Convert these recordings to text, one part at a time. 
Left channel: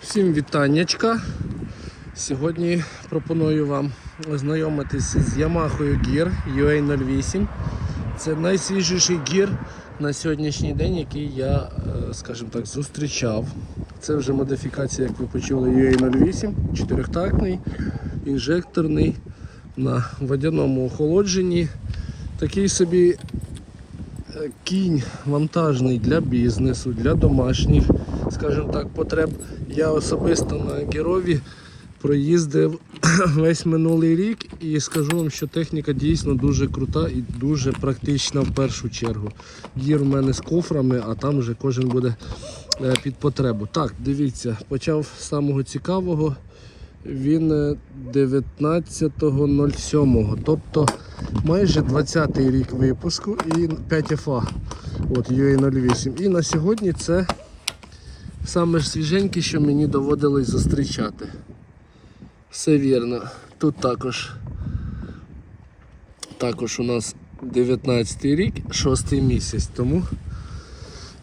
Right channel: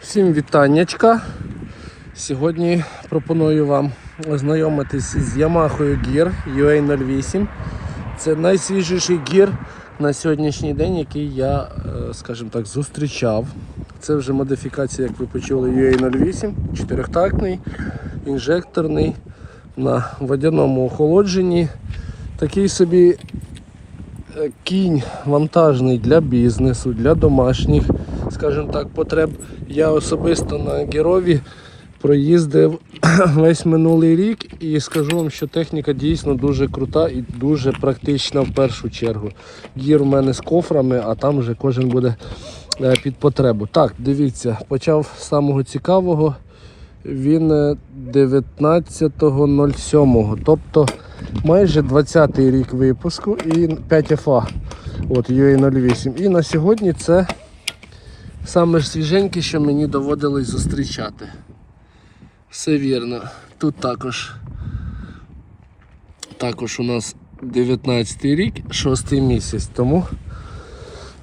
Всім вітаннячка. Сьогодні пропоную вам ознайомитись з Yamaha Gear UA08. Це найсвіжіший гір на сьогоднішній день, який я, е, скажімо так, зустрічав. Це вже модифікація, як ви почули, UA08, чотирьохтактний, інжекторний на водяному охолодженні. Такий собі е, кінь вантажний для бізнесу, для домашніх, скажімо так, потреб. Я особисто на Герові проїздив весь минулий рік і скажу вам, що техніка дійсно дуже крута і дуже практична в першу чергу. Гір у мене з кофрами, а там вже кожен буде е, під потребу. Так, дивіться, почав з самого цікавого. Він е, 19.07, тобто майже 20-й рік випуску і 5 FA. От UA08. І на сьогодні це саме ж свіженьке, що мені доводилось зустрічати. Все вірно. Тут також, також у нас 19 рік, 6 місяць, тому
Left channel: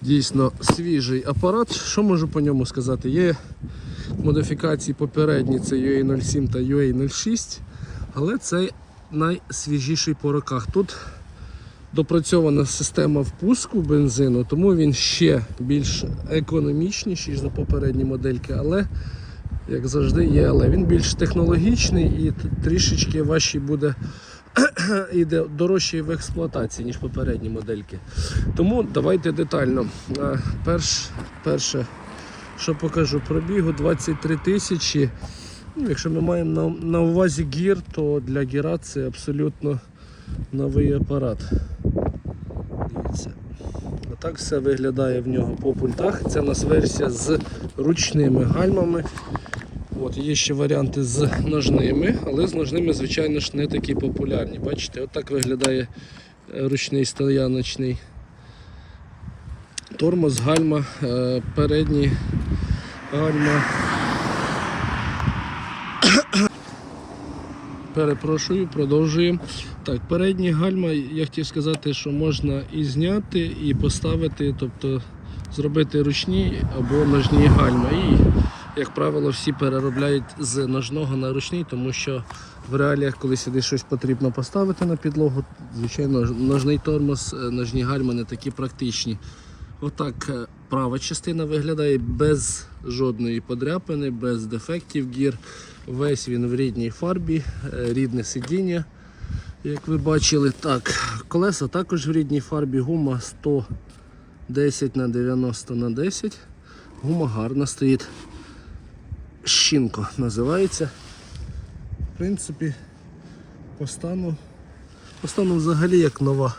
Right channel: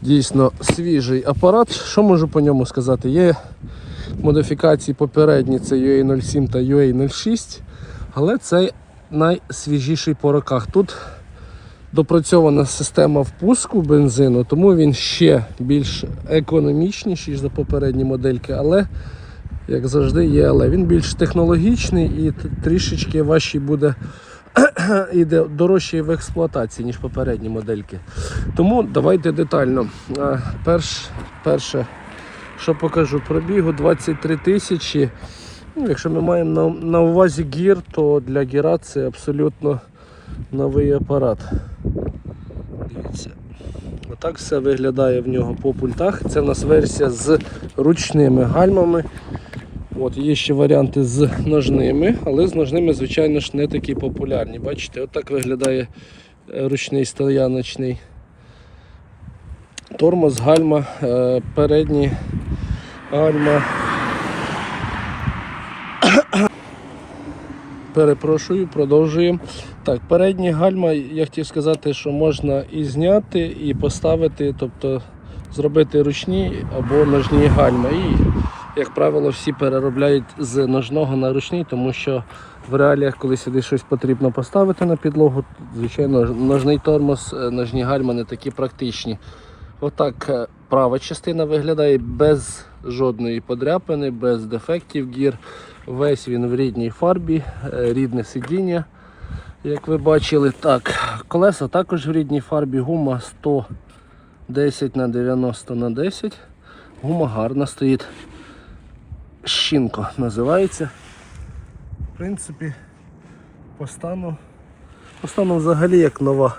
дійсно свіжий апарат. Що можу по ньому сказати? Є модифікації попередні, це UA07 та UA06, але це найсвіжіший по роках. Тут допрацьована система впуску бензину, тому він ще більш економічніший за попередні модельки, але як завжди є, але він більш технологічний і трішечки важчий буде і дорожчий в експлуатації, ніж попередні модельки. Тому давайте детально. Перш, перше, що покажу, пробігу 23 тисячі. Ну, якщо ми маємо на, на увазі гір, то для гіра це абсолютно новий апарат. Дивіться. Отак все виглядає в нього по пультах. Це у нас версія з ручними гальмами. От, є ще варіанти з ножними, але з ножними, звичайно ж, не такі популярні. Бачите, отак виглядає е, ручний стояночний тормоз, гальма, е, передні гальма. Перепрошую, продовжуємо. Так, передні гальма, я хотів сказати, що можна і зняти, і поставити, тобто зробити ручні або ножні гальма. І, як правило, всі переробляють з ножного на ручний, тому що в реаліях, коли сюди щось потрібно поставити на підлогу, звичайно, ножний тормоз, е, ножні гальма не такі практичні. Отак е, права частина виглядає без жодної подряпини, без дефектів гір. Весь він в рідній фарбі, е, рідне сидіння, як ви бачили. Так, колеса також в рідній фарбі, гума 110 на 90 на 10. Гума гарна стоїть. Щінко називається. В принципі, по стану, по стану взагалі як нова.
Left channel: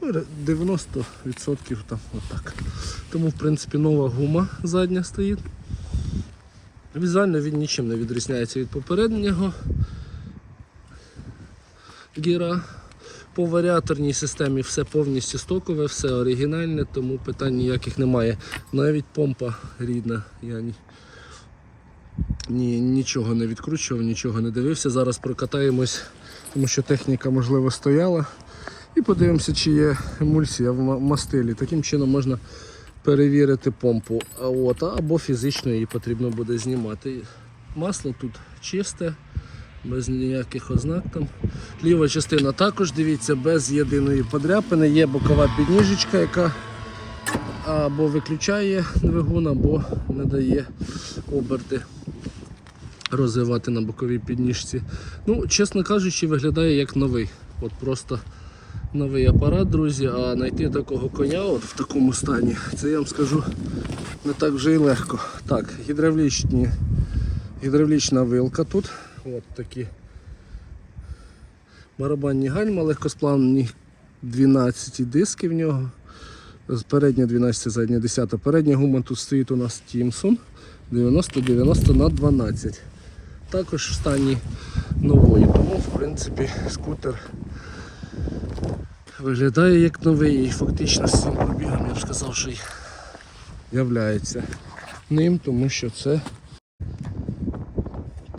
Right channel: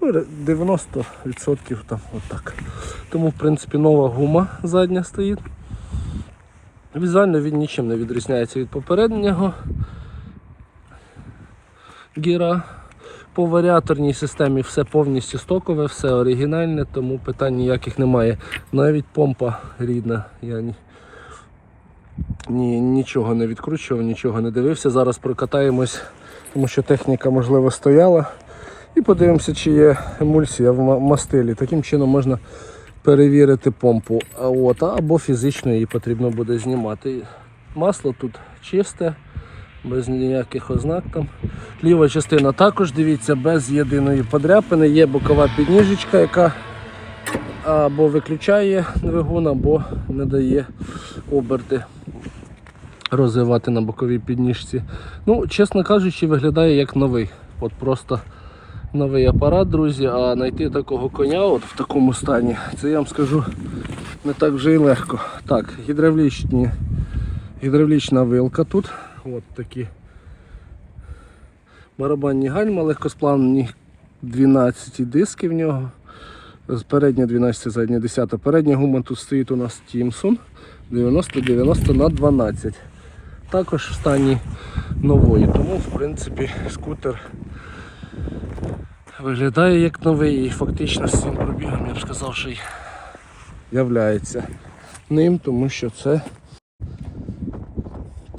Ну, 90% там отак. Тому, в принципі, нова гума задня стоїть. Візуально він нічим не відрізняється від попереднього гіра. По варіаторній системі все повністю стокове, все оригінальне, тому питань ніяких немає. Навіть помпа рідна. Я ні, ні, нічого не відкручував, нічого не дивився. Зараз прокатаємось, тому що техніка можливо стояла. І подивимося, чи є емульсія в мастилі. Таким чином можна перевірити помпу. А от, або фізично її потрібно буде знімати. Масло тут чисте, без ніяких ознак там. Ліва частина також, дивіться, без єдиної подряпини. Є бокова підніжечка, яка або виключає двигун, або не дає оберти розвивати на боковій підніжці. Ну, чесно кажучи, виглядає як новий. От просто новий апарат, друзі, а знайти такого коня от в такому стані, це я вам скажу не так вже і легко. Так, гідравлічні, гідравлічна вилка тут. От такі барабанні гальма, легкосплавні 12 диски в нього. Передня 12, задня 10. Передня гума тут стоїть у нас Тімсон 90-90 на 12. Також в стані нової, тому в принципі скутер виглядає як новий і фактично з цим пробігом я б сказав, що й являється ним, тому що це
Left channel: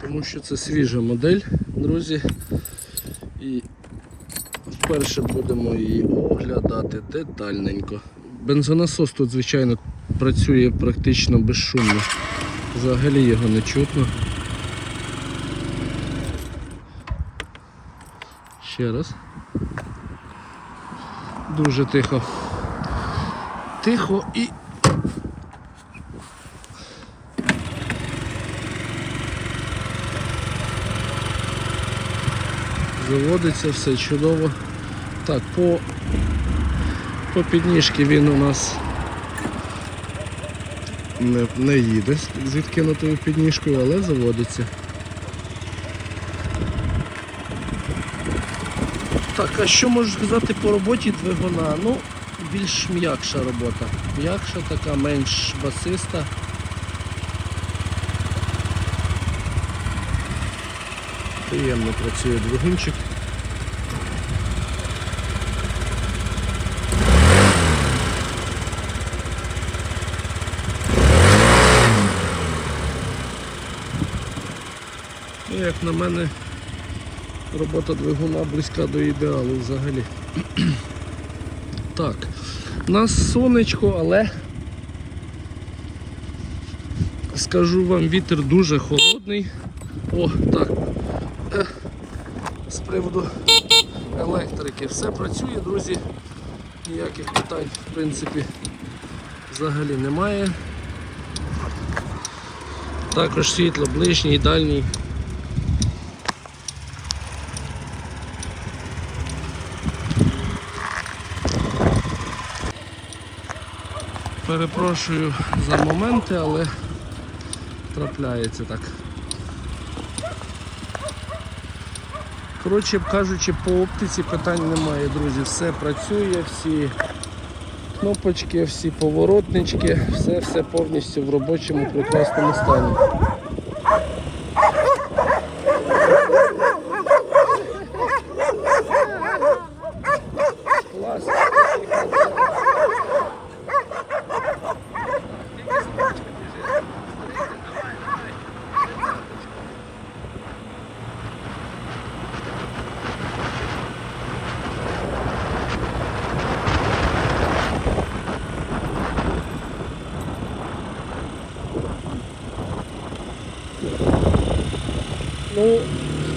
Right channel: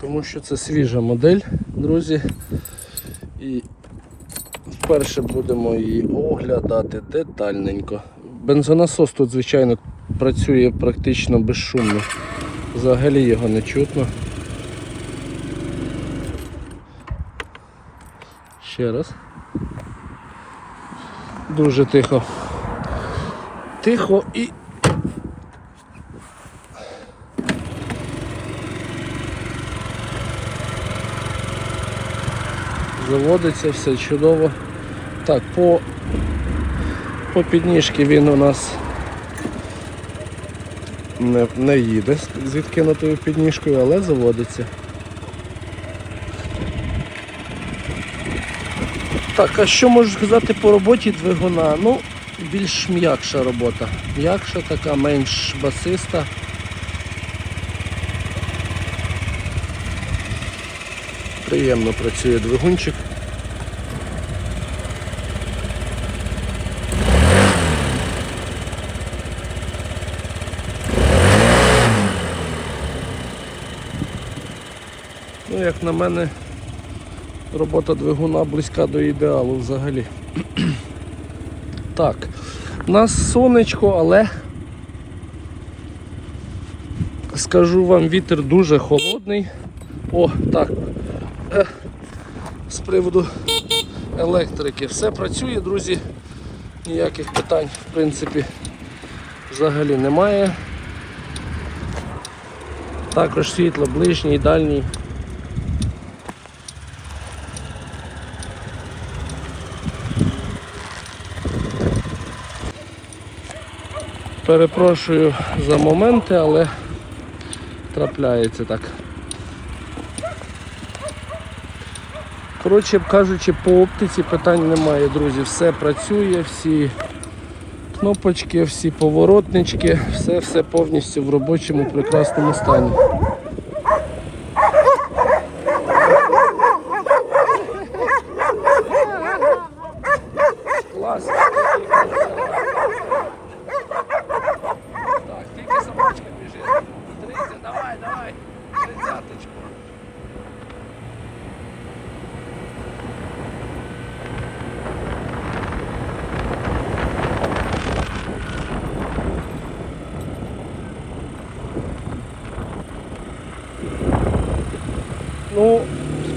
тому що це свіжа модель, друзі. І вперше будемо її оглядати детальненько. Бензонасос тут, звичайно, працює практично безшумно. Взагалі його не чутно. Ще раз. Дуже тихо. Тихо і. Заводиться все чудово. Так, по, по підніжки він у нас не, не їде з- з відкинутою підніжкою, але заводиться. Так, а що можу сказати по роботі двигуна? Ну, більш м'якша робота. М'якша така, менш басиста. Приємно працює двигунчик. Ну, як на мене, робота двигуна близька до ідеалу взагалі. так, у нас сонечко, але скажу вам, вітер дуже холодний. О, так. Е, з приводу електрики. Все працює, друзі. Ніяких питань, в принципі, взагалі немає. Також світло ближній, дальній. Перепрошую за моменти, але трапляється так. Коротше кажучи, по оптиці питань немає, друзі. Все працює, всі кнопочки, всі поворотнички, все все повністю в робочому прекрасному стані.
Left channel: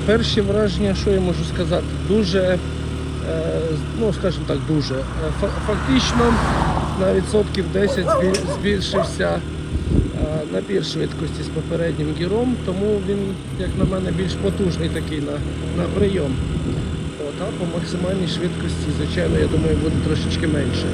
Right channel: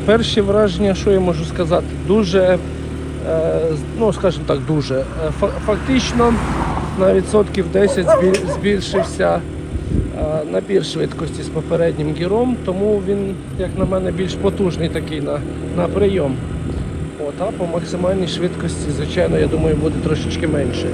Перші враження, що я можу сказати, дуже, е, ну скажімо так, дуже. Фактично на відсотків 10 збільшився е, набір швидкості з попереднім гіром, тому він, як на мене, більш потужний такий на, на прийом. От, а по максимальній швидкості, звичайно, я думаю, буде трошечки менше.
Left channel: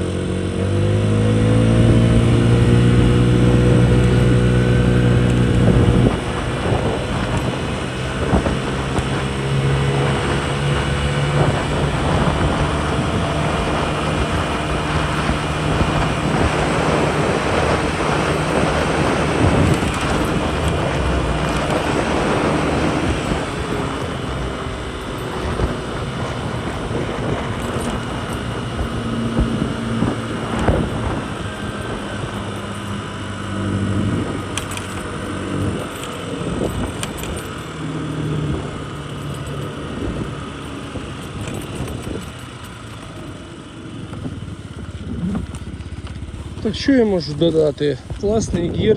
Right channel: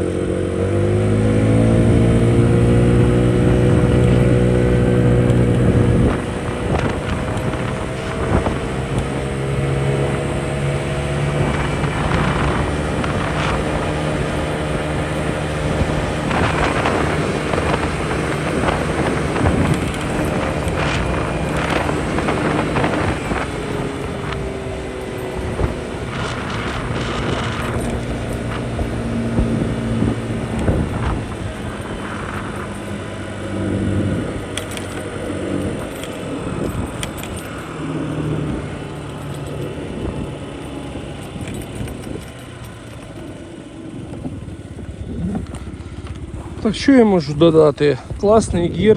Так що я можу додати? Класний гір,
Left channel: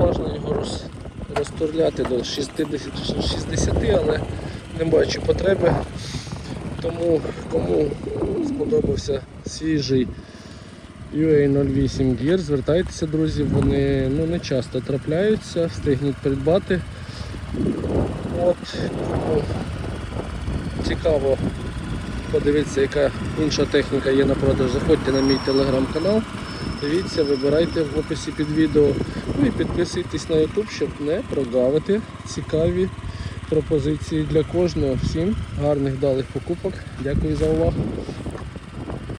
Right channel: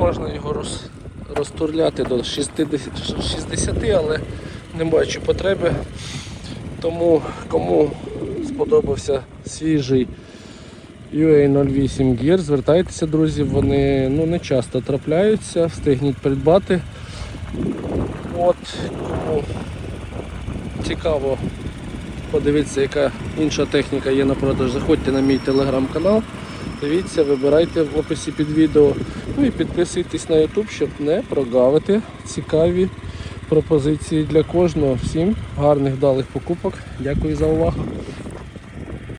можна його роз, розтурляти до 60, 60, але не бачу потреби. Тому кому сподобався свіжий UA08 Gear, звертайтеся, друзі, вони ну, не часто трапляються, встигніть придбати. От, цікаво подивитися, яка інша техніка є на продаж. Заходьте на мій телеграм-канал, дивіться, вибирайте в описі під відео. Ну і підписуйтесь на YouTube, щоб не прогавити цікаві пропозиції для кожного. Всім гарних вдалих покупок. Дякую за увагу.